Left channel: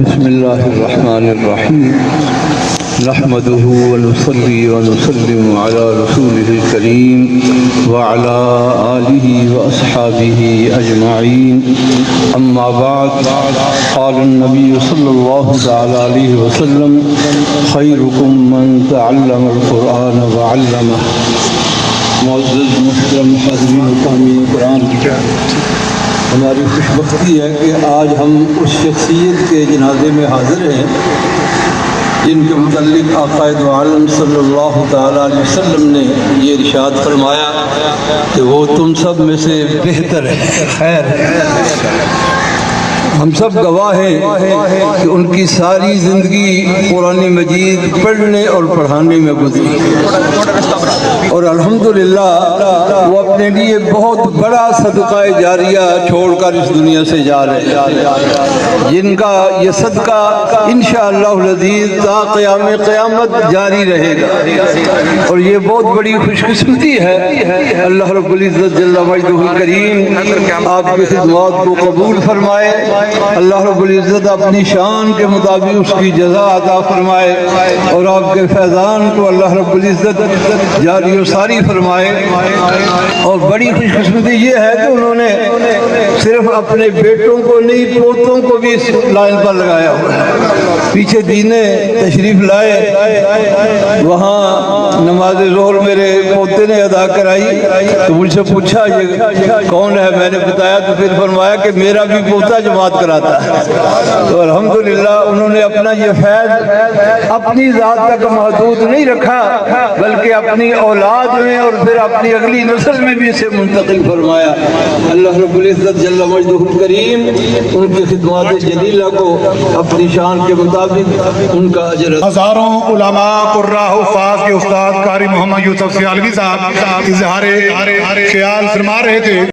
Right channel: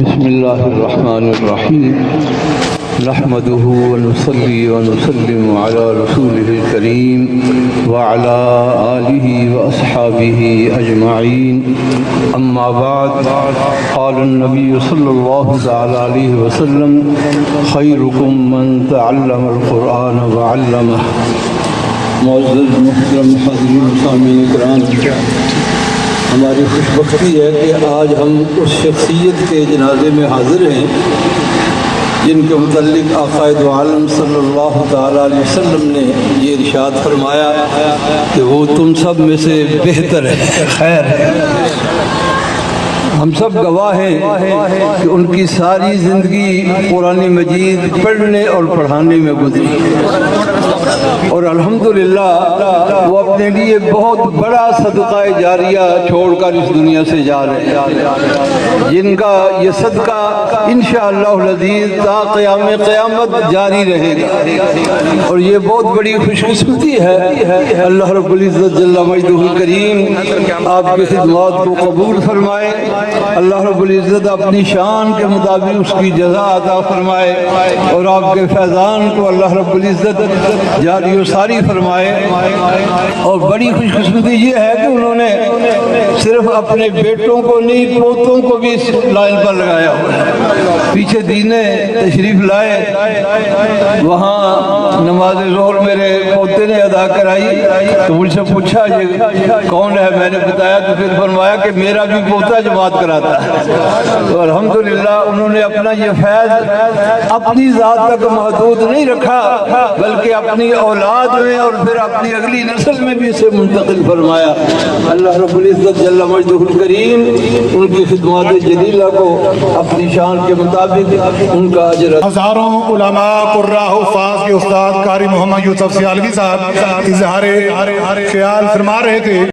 بسم الله الرحمن الرحيم نحمده ونصلي ونسلم على رسوله الكريم وعلى آله وأصحابه أجمعين أما بعد قال النبي صلى الله تعالى عليه وسلم خيركم من تعلم القرآن وعلمه. معزز محترم حاضرین سامعین کرام، ہماری خوش بختی ہے کہ آج ہم اس شخصیت کے جنازے میں حاضر ہیں جن کے متعلق آقا دو عالم صلی اللہ تعالیٰ علیہ وسلم نے یہ ارشاد فرمایا کہ وہ تم سب میں سے بہتر ہے، خیر ہے۔ ہم سب گواہ ہیں کہ ان کی ساری زندگی قرآن مجید پڑھنے اور پڑھانے میں گزری اور الحمدللہ وہ اپنے لیے بہت بڑا صدقہ جاریہ چھوڑ کر اس دنیا سے جا رہے ہیں، جن کا یہ صدقہ انشاءاللہ العزیز تا قیام قیامت جاری رہے گا، اور یہ بہت بڑی خوش قسمتی ہے۔ اللہ رب العزت جل مجدہ الکریم آپ کی خدمات کو قبول فرمائے، اللہ رب العزت اپنی شان کے مطابق اس کی جزا عطا فرمائے، اور آپ کے فیضان کو اللہ رب العزت جاری و ساری فرمائے۔ اور بڑی خوش قسمتی یہ ہے کہ انہوں نے صرف اپنے بیٹوں کو نہیں، پوتوں کو بھی اس لائن پر لگایا ہوا ہے۔ پیچھے دینے تشریف لائے، وہاں نماز ظہر میرے پوتے نے ادا کرائی تو مجھ سے پوچھا یہ کون ہے، میں نے بتایا تو پھر فرمایا کہ میرا بھی پوتا جماعت کراتا ہے۔ تو الحمدللہ انہوں نے اپنا یہ فیض اپنی ذات تک محدود نہیں رکھا، بلکہ اپنی اولاد میں اور پھر اپنی اگلی نسل میں بھی اسے منتقل فرمایا۔ اللہ رب العزت جل مجدہ الکریم ان کی خدمات جلیلہ کو اپنی شان کے مطابق ان کا اجر۔ ہزاروں علماء قراء حفاظ کے استاد قاری محمد یوسف سیالوی صاحب اظہار خیال فرما رہے تھے۔